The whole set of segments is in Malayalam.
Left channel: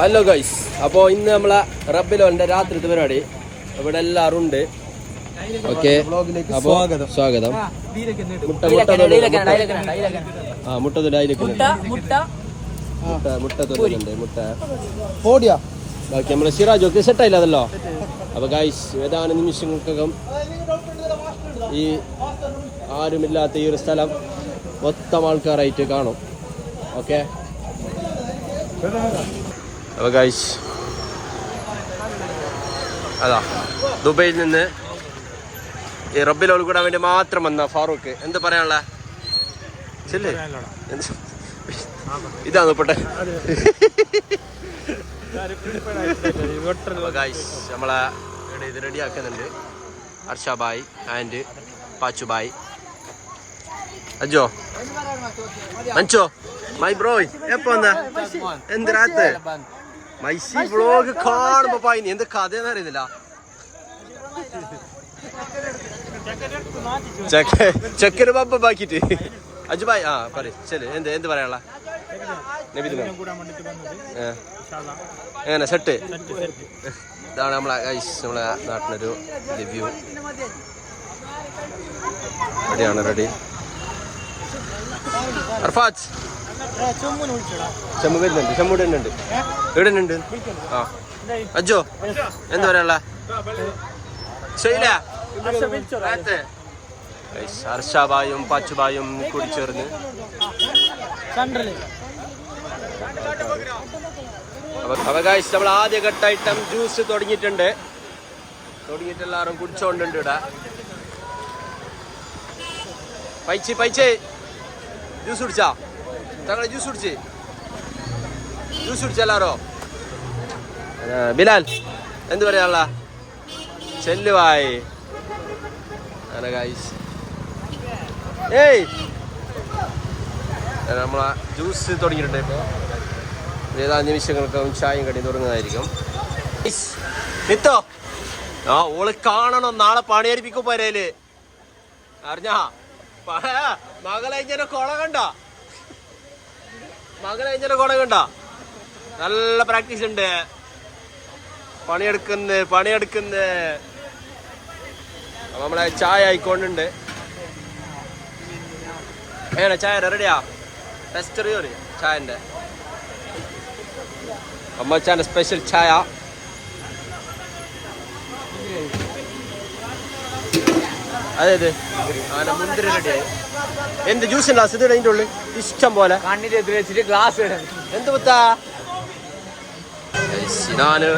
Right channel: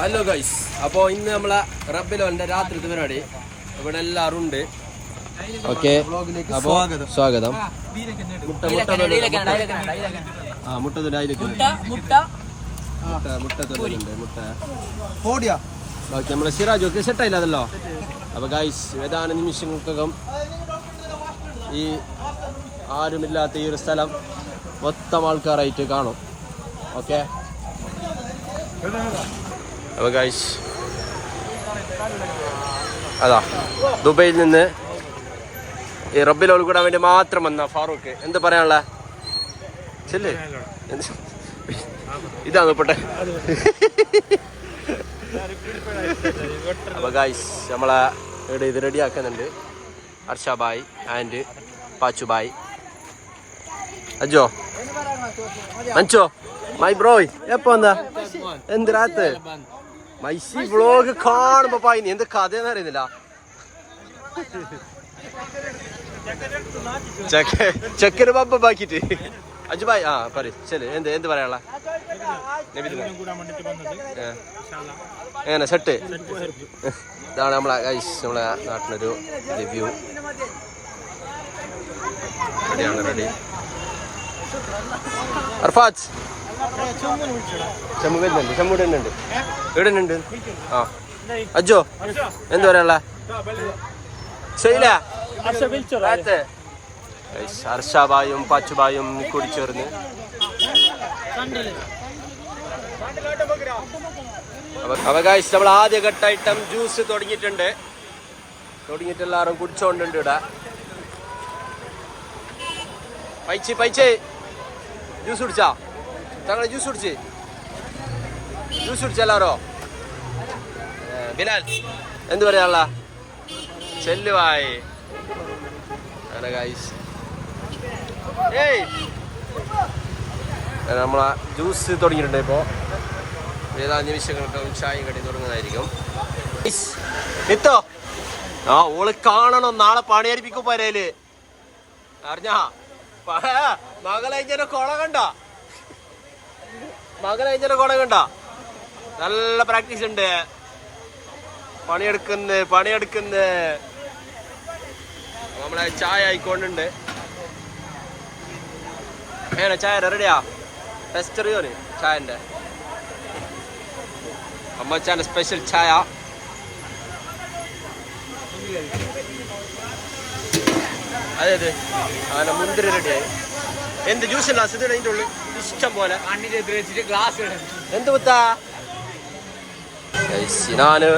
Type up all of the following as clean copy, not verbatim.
ഹലോ ഗൈസ്, അപ്പോൾ ഇന്ന് നമ്മളെ റബ്ബിലോന്റെ രാത്രിത്തെ പരിപാടി ഇവിടെ എല്ലാവരും ഉണ്ട്. ഓക്കെ, അപ്പോൾ സ്വാഗതം. ബാക്കി നമ്മളെ സിറാജൊക്കെ സെറ്റായില്ലതല്ലോ. അപ്പോൾ ഗൈസ്, ഏതാനും നിമിഷങ്ങൾക്കകം ഈ ആരുമില്ലാത്ത ഈ ഒരു സ്ഥലം മൊത്തം ആൾക്കാരായിട്ട് കാണും. ഓക്കെ, അപ്പോൾ ഗൈസ് അതാ ദുബൈയിൽ നിന്ന് ഈ റബ്ബിലോൾ കൂടാൻ വേണ്ടി മാത്രം വന്ന ഫാറൂഖ്. എന്ത് പറയാനുള്ള ശല്ലേ? ഇതാണ് പെട്ടെ. അപ്പോൾ ഗൈസ് നമ്മളെ ഇത് റെഡി ആക്കുന്നുണ്ട്. അർഷാബായ് ആൻഡ് പാച്ചുബായ്. അജോ മഞ്ചോ മൈ ബ്രോയ് എപ്പോ എന്താ എന്ത് രാത്ത് മൈസി വ്ളോഗ് കാണുമ്പോ പായിനി എന്ത് കഥയെന്ന് അറിയുന്നില്ല. ചെക്കന് പമ്പ ബാക്കിട്ട് അജുബായ് പറ ശരി. എന്ത് പറയാനുള്ള എങ്ങനെ സെറ്റ്? ഇതാണ് നമ്മളെ നമ്മളെ നാട്ടിലൊരു റിവ്യൂ. റെഡിയാണ്, റെഡി. അർഫാത്ത് ചെമ്മു വരുന്നുണ്ട്, ചെമ്മു ഇടുന്നുണ്ട്, ഇടുന്നുണ്ട്. ആ അജോ എന്ത് പറയാനുള്ള ശൈല അർഷാബായും പാച്ചുബായും കൂടി ചേർന്ന് അപ്പൊ ഗൈസ് നമ്മൾ ആദ്യഘട്ടം ജ്യൂസ് തുടങ്ങിയിട്ട് എല്ലാവരും കുടിച്ചോണ്ടുണ്ട്. ഇവിടെ പൈച്ചേ ജ്യൂസ് കുടിച്ചാ തങ്ങളെ ജ്യൂസ് കുടിച്ച് എല്ലാരോ. ബിലാൽ എന്ത് പറയാനുള്ള ചെല്ലുവായി അങ്ങനെ ഗൈസ്. നമ്മളെ ജ്യൂസ് തുടങ്ങിയിട്ടുണ്ട്. ഇപ്പോൾ ഏതാ നിമിഷങ്ങൾക്കും ചായയും കടി തുടങ്ങുന്നതായിരിക്കും. നിത്തോ ഓള് കാണണം, നാളെ പണിയരിപ്പിക്കും പോരേല്. അറിഞ്ഞാ മകളെ കൊട കണ്ട നല്ല പ്രാക്ടീസ് ഉണ്ട്. പണിയെടുക്കുന്ന നമ്മളെ ചായ ആയിക്കൊണ്ടുണ്ട്. അങ്ങനെ ചായ റെഡിയാ? ടെസ്റ്റ് അറിയോന് ചായന്റെ? അമ്മച്ചാന്റെ സ്പെഷ്യൽ ചായ. അതെ അങ്ങനെ മുന്തിരി റെഡിയായി. എന്ത് ജ്യൂസ് ഗ്ലാസ് ഇത് അതിൻ്റെ ഉള്ളിൽ ഇഷ്ടം പോലെ. എന്ത് പുത്താ സിനാന്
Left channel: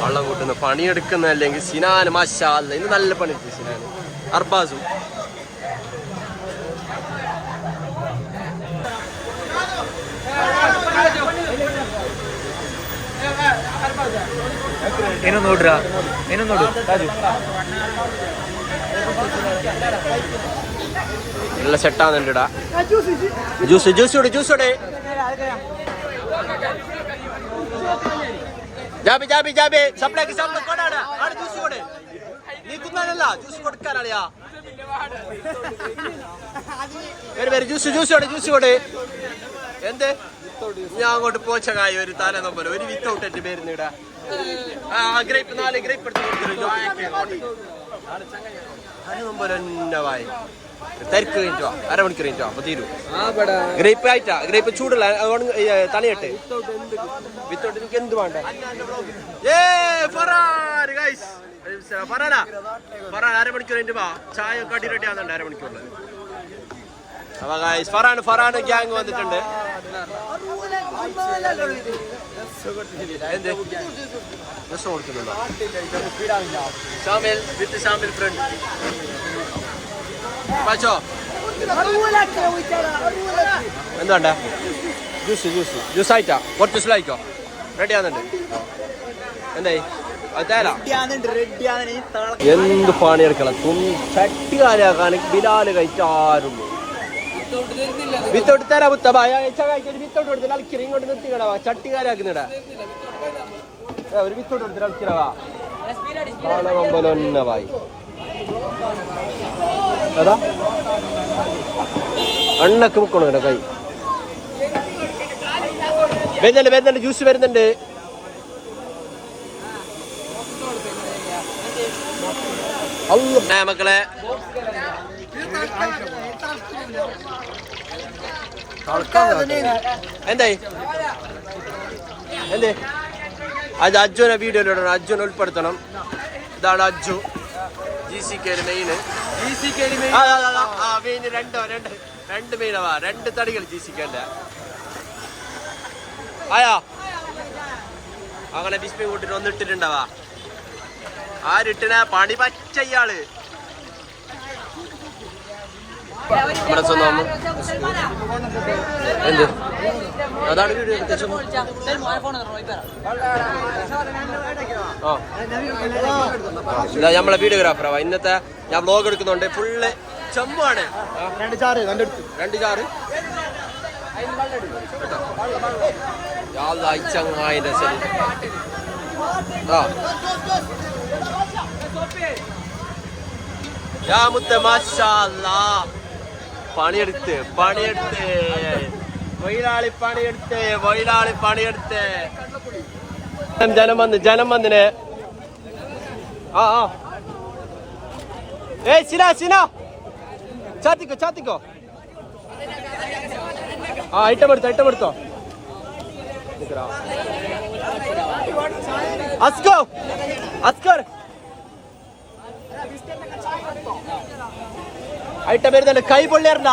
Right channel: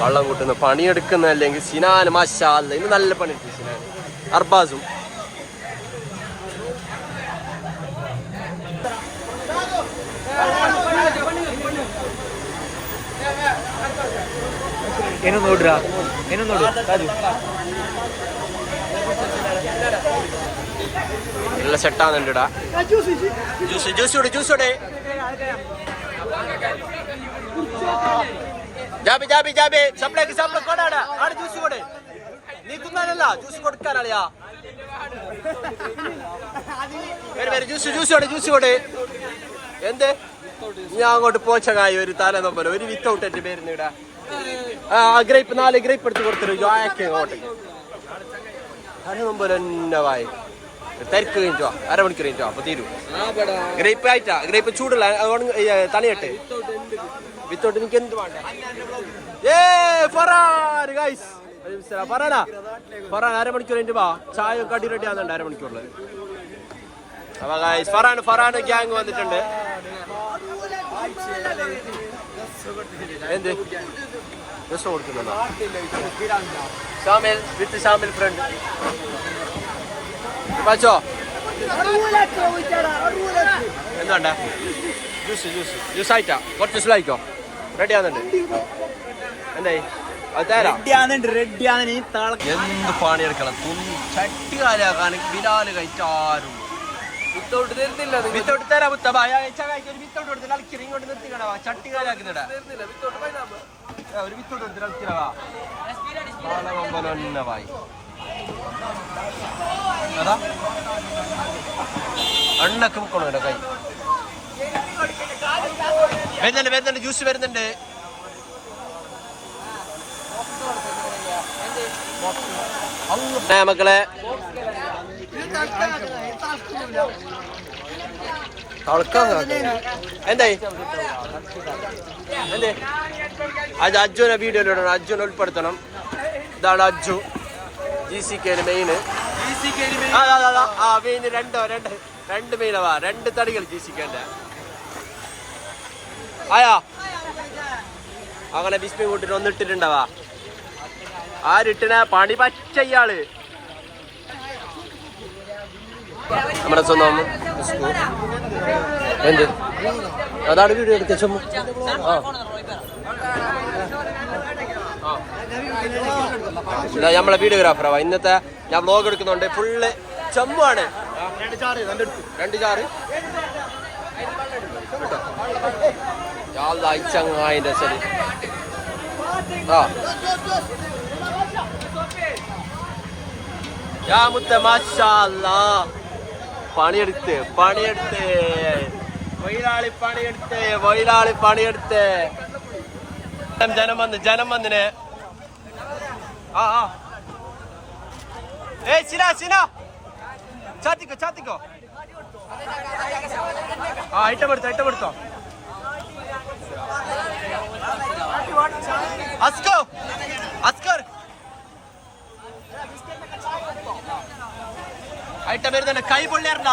വള്ളം കൂട്ടുന്ന പണിയെടുക്കുന്ന, അല്ലെങ്കിൽ സിനാന് മാഷാല്ല ഇന്ന് നല്ല പണിയെടുത്തു സിനാന്. അർബാസും നല്ല സെറ്റാകുന്നുണ്ട്. ഇടാ ജ്യൂസ് ജാബി സപ്ലൈക്ക് കൊണ്ടാണ് ആണ് ജ്യൂസ് കൊട്. നീ തിന്നാനല്ല ജ്യൂസ് കൊടുക്കാനാളിയാ. ജ്യൂസ് കൊട്. എന്ത് ഞാൻ അങ്ങോട്ട് പോച്ചകായി ഒരു തലനൊമ്പല ഒരു വിത്തൗട്ട് എന്റെ പേരുന്ന് ഇടാ. ഗ്രേപ്പ് 4 ഗ്രേപ്പ് എടുത്ത് കൊടുത്തിട്ട് ജോയക്ക് അങ്ങോട്ടേക്ക് അതിനുമ്പൊരവായി തിരക്ക് കഴിഞ്ഞോ അരമണിക്കൂർ കഴിഞ്ഞോ അപ്പൊ തീരും. ഗ്രേപ്പ് ആയിട്ടാ, ഗ്രേപ്പ് ചൂടുള്ള അതുകൊണ്ട് തണിയട്ടെ. വിത്തൗട്ട് എനിക്ക് എന്ത് വേണ്ട. ഫറാൻ അരമണിക്കൂർ കഴിഞ്ഞു വാ. ചായ കടി റെഡി ആവുന്നുണ്ട് അരമണിക്കൂറില്. അപ്പൊ ഗൈസ് ഫറാൻ ഗ്യാങ് വന്നിട്ടുണ്ട്. എന്ത് രസം കൊടുക്കുന്നുണ്ടോ? ഷാമിൽ ഫ്രണ്ട് പാച്ചോ എന്തുണ്ട? ജ്യൂസ് ആയിട്ടാ? കുറച്ച് സ്ലായിക്കോ റെഡി ആവുന്നുണ്ട്. എന്തായി അത് തരാം. എന്ത് പണിയെടുക്കണം ചട്ടി കാലാക്കാൻ ബിലാല് കഴിച്ചാരും വിത്തോട്ട് തരാ പുത്തമായി വിത്തോട്ട് കൊടുത്ത് കളിക്കറ ഇങ്ങോട്ട് നിർത്തിക്കടവാ. ചട്ടി കാലാക്കുന്നിടാ ഒരു വിത്തോട്ട് കൊടുത്ത് കളിക്കണവാ. അതാ അണ്ണക്ക് മുക്കണോ കൈ വരുന്നുണ്ട് ജ്യൂസ് വരുന്നുണ്ട്. മക്കളെ എന്തായി എന്തേ അത് അജ്ജുവിനെ വീഡിയോയിലിടണം, അജ്ജുവിനെ ഉൾപ്പെടുത്തണം. ഇതാണ് അജ്ജു GCK മെയിന്. മെയിന് രണ്ട് മെയിനവാ, 2 തടികൾ GCK. ആയാ അങ്ങനെ ബിസ്മി കൂട്ടിട്ട് ഒന്നിട്ടിട്ടുണ്ടാവാ. ആരിട്ടിന പണി പച്ച ഇയാള് നമ്മുടെ സ്വന്തം എന്ത് അതാണ് വീഡിയോ എടുത്ത ചുമ. നമ്മളെ വീഡിയോഗ്രാഫറാ. ഇന്നത്തെ ഞാൻ വ്ലോഗ് എടുക്കുന്നുണ്ട്. ഫുള്ള് ചെമ്മാണ്. 2 ചാറ് കേട്ടോ. ചങ്ങായിന്റെ സ്ഥലം പണിയെടുത്ത് വൈലാളി പണിയെടുത്ത് ജനം വന്നിന്. ചിന ചാത്തിക്കോ ഐറ്റമെടുത്തോ അസ്കർ ഐറ്റം വരുന്നുണ്ട്. കൈ പൊള്ളിയറിഞ്ഞ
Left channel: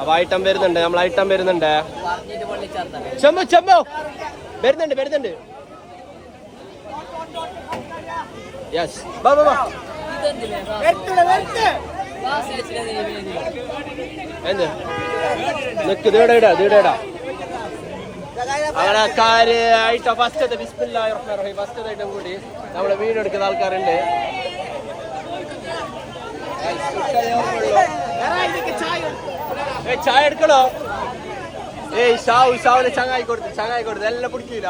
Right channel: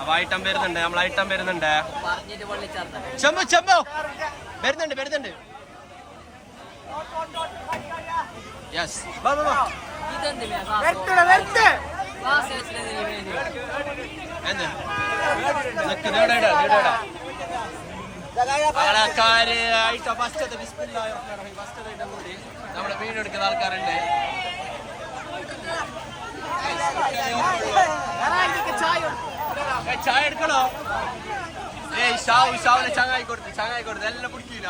അപ്പൊ ഐറ്റം വരുന്നുണ്ട്. നമ്മൾ ഐറ്റം വരുന്നുണ്ട്. ചെമ്പോ വരുന്നുണ്ട്. യെസ് എന്ത് നിക്ക് ദീട അങ്ങനെ കാര്യമായിട്ട് ഫസ്റ്റ് ഐറ്റം കൂടി നമ്മളെ വീഡിയോ എടുക്കുന്ന ആൾക്കാരുണ്ട്. ചായ എടുക്കണോ? ഷാവിന് ചങ്ങായി കൊടുത്ത് എല്ലാം പിടിക്കൂല.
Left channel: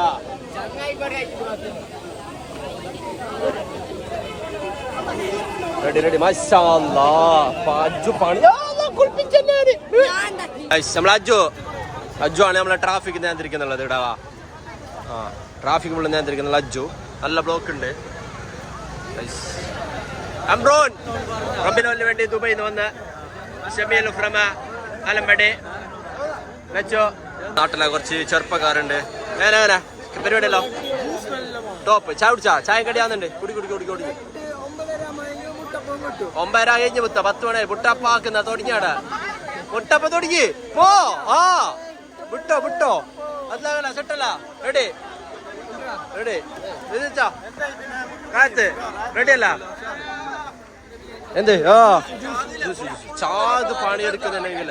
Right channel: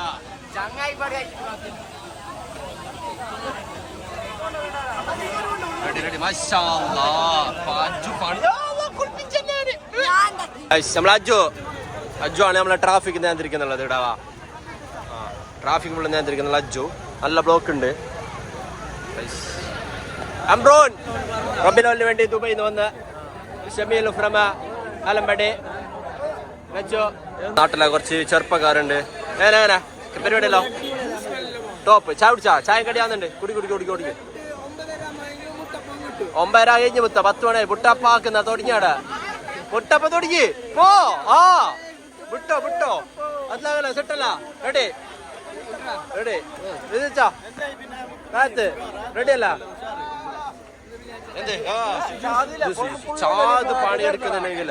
റെഡി അജ്ജു ആണ് നമ്മളെ ട്രാഫിക് നിയന്ത്രിക്കുന്നുള്ളത്. ഇടാവാ ട്രാഫിക് ഫുള്ള് നിയന്ത്രിക്കുന്നുള്ള അജ്ജു. നല്ല ബ്ലോക്ക് ഉണ്ട്. അംബ്രോൻ റബ്ബിനോലിന് വേണ്ടി ദുബൈയിൽ നിന്ന് വന്ന് ഷമീൽ ഫ്രമ ആലമ്പടി വെച്ചോ. നാട്ടിലെ കുറച്ച് ചെറുപ്പക്കാരുണ്ട്. ഏനാ പരിപാടിയല്ലോ ടോപ്പ്. ചായ കുടിച്ചാ? ചായ കടിയാന്നുണ്ട്. കുടി 9:30 കഴിഞ്ഞ് മുത്ത 10 മണി മുട്ടപ്പാക്കുന്ന തുടങ്ങിയാടാ. മുട്ടപ്പ തുടങ്ങി പോ. വിട്ടോ അതല്ല സെട്ടല്ല. റെഡി കാത്ത് റെഡി അല്ല. എന്ത് ചാത് പണിയെടുക്കുന്നുണ്ടെങ്കിൽ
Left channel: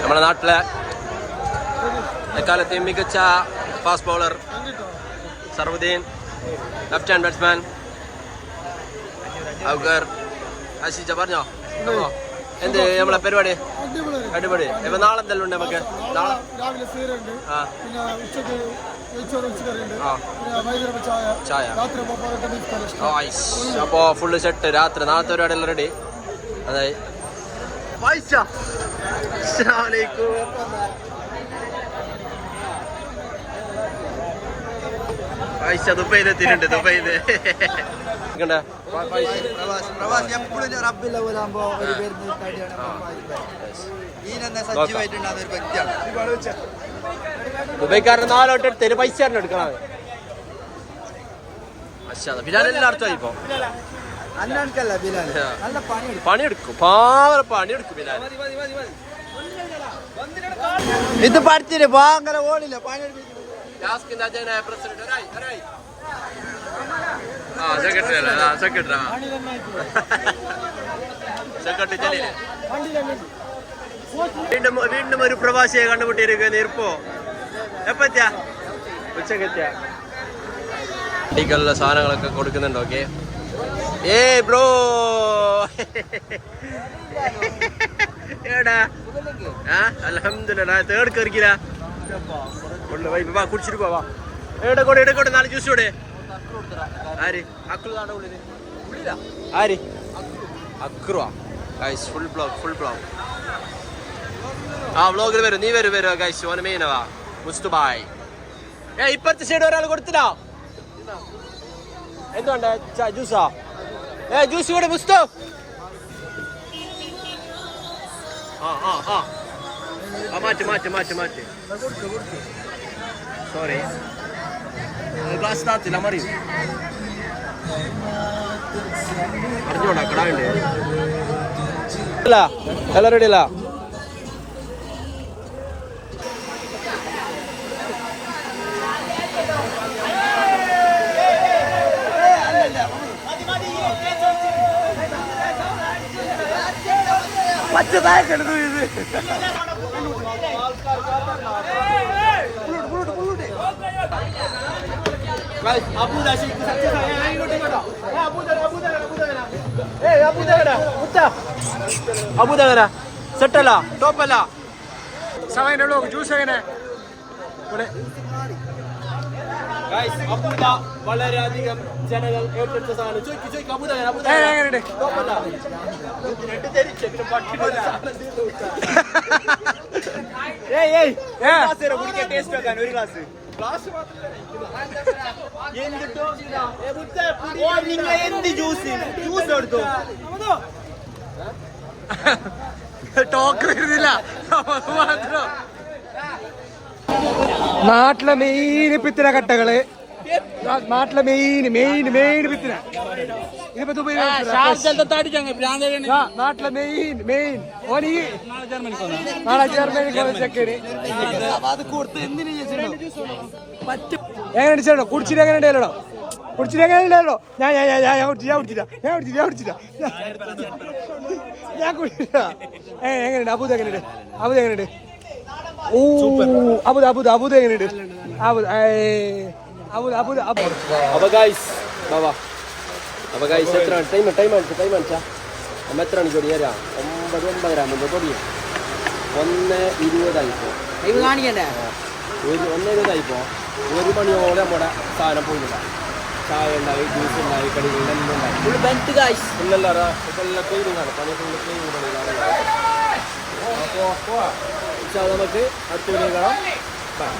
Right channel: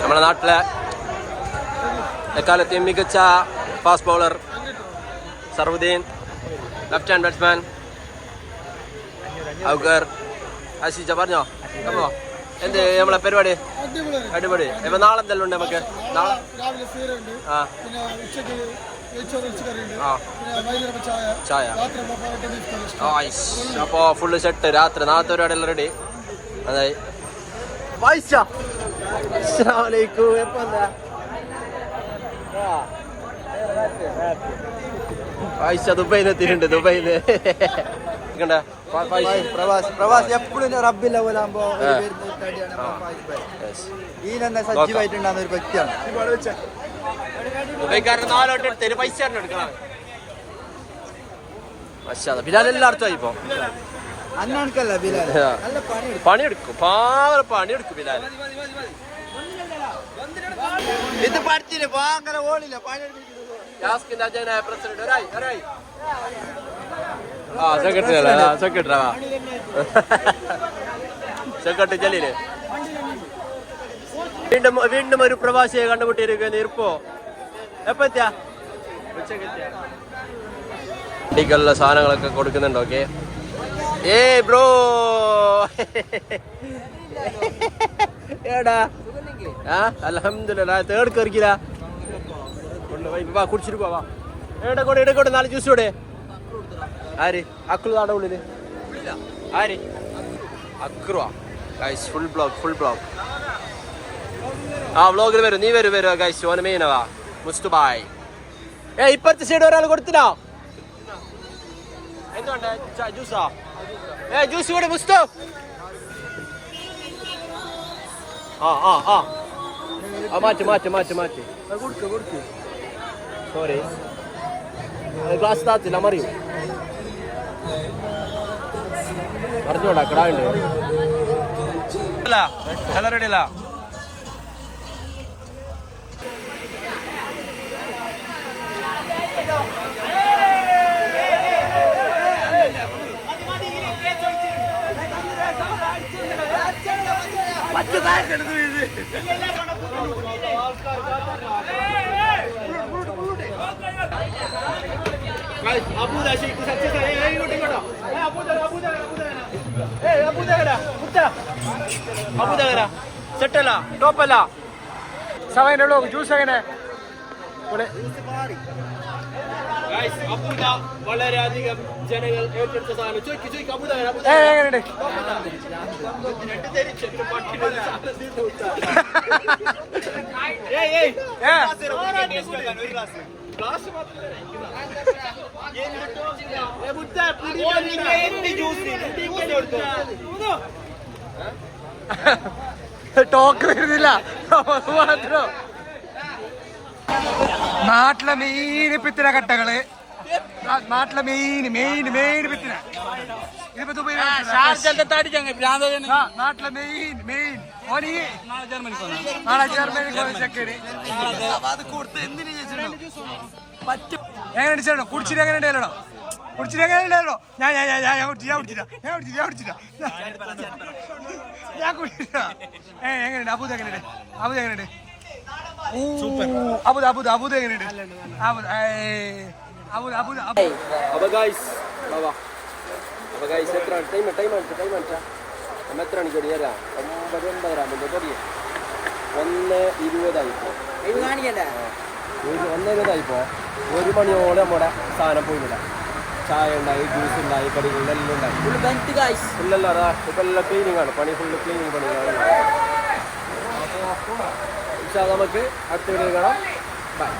നമ്മുടെ നാട്ടിലെ എക്കാലത്തെയും മികച്ച fast bowler Sarvuddin, left hand batsman ഔഗർ ആശിച്ച പറഞ്ഞോ. അപ്പോ എന്ത് നമ്മളെ പരിപാടി? അടിപൊളി. ഇപ്പൊ നാളെ എന്തെല്ലാം ഉണ്ട് നമുക്ക്? നാളെ ചായ. അപ്പോ ഫുള്ള് സെറ്റ്. നാളത്തെ പരിപാടി എല്ലാം റെഡി. അതായി ആയിഷ ദുബൈയിൽ എത്തിയിട്ടുണ്ട്. ദുബൈയില് ദുബൈക്കാരൻ 4 വട്ടം എടുത്ത് പൈസ എടുക്കണം. ബിലാൽ എല്ലായിടത്തും ഇപ്പൊ പണിയെടുക്കും. പണിയെടുക്കും ബിലാൽ. ഇത് പഠിച്ചിട്ട് അങ്ങനെ ഓടില്ല. സെക്രട്ടറി ചെല്ലില്ലേ? വീണ്ടും ഒരു പ്രവാസിയെ കണ്ടുമുട്ടിയിരിക്കുന്നു. ഇപ്പോ എപ്പത്തിയാ? ഉച്ചക്കെത്തിയാ? വണ്ടിക്കുള്ള സാധനങ്ങളൊക്കെ കൊടുക്കുന്നുണ്ട്. ഓക്കെ ബ്രോ ഏടാ അൽഹംദുലില്ലാ തേർഡ് കറിക്കില്ല ഫുള്ള് വൈബ്. വാ കുടിച്ചിട്ട് പോവാ. എടക്കോട്ടെ 4 ജ്യൂസ് കൂടെ. ആര് അക്രു ആടെ ഉള്ളില്? ആര് അക്രുവാ? Guys full blog. ആ വ്ളോഗിൽ വരും. നീ വരും ഗൈസ്. ഓന മെയിനവാ മുസ്തുബായ്. ഇപ്പത്തെ സൈഡ് ഒരാൾ കൊടുത്തില്ല. എന്തുകൊണ്ട് ജ്യൂസാ? ജ്യൂസ് കൂടെ മുസ്തു. മാറ്റ്. സോറി ഗ്ലാസ് താത്തില്ല മറിയും. അറിഞ്ഞോടാ കിടാണ്ടേ അല്ല റെഡി അല്ല. സെറ്റല്ല ടോപ്പല്ല. സമയമുള്ളൂ ജ്യൂസ് എങ്ങനെ അബൂദ വളരെയധികം ജനങ്ങൾ ഏറ്റെടുത്ത സാധനം. ടോക്ക് വരുന്നില്ല മാത്രം. നാട്ടിലെ മെയിൻ പിത്തിന കട്ടകള്. നാട്ടിലെ മെയിൻ പിത്തിന. ഇതിപ്പോ നാട്ടിലെ മെയിൻ നാളെ ജർമ്മനി ചെക്കന് പറ്റും. എങ്ങനെ അടിച്ചോ? കുടിച്ചിട്ട് എങ്ങനെ ഉണ്ടായാലോ? കുടിച്ചിട്ട് എങ്ങനെ ഉണ്ടായാലോ? ഞാൻ കുടിച്ചില്ല. എങ്ങനെയുണ്ട് അബൂദ്? എങ്ങനെയുണ്ട്? അബൂദ് എങ്ങനെയുണ്ട്? അപ്പൊ ഗൈസ് എത്ര ടൈം അടിച്ചാ? എത്ര മണിക്ക് തുടങ്ങിയാ? 9:09 ആകുമ്പോൾ തുടങ്ങി. 1:20 ആയിപ്പോ. 1:20 1 മണിയോടെ നമ്മുടെ സാധനം പോയില്ല. ചായ ഉണ്ടായി, ജ്യൂസ് ഉണ്ടായി, കടികളെല്ലാം ഉണ്ടായി. ഫുള്ളല്ല ക്ലീനിങ്ങാണ്. പണി ഫുള്ള് ക്ലീനിങ് പണികളാണ്. അപ്പോൾ നമുക്ക് അടുത്ത വീഡിയോ കാണാം. ബൈ.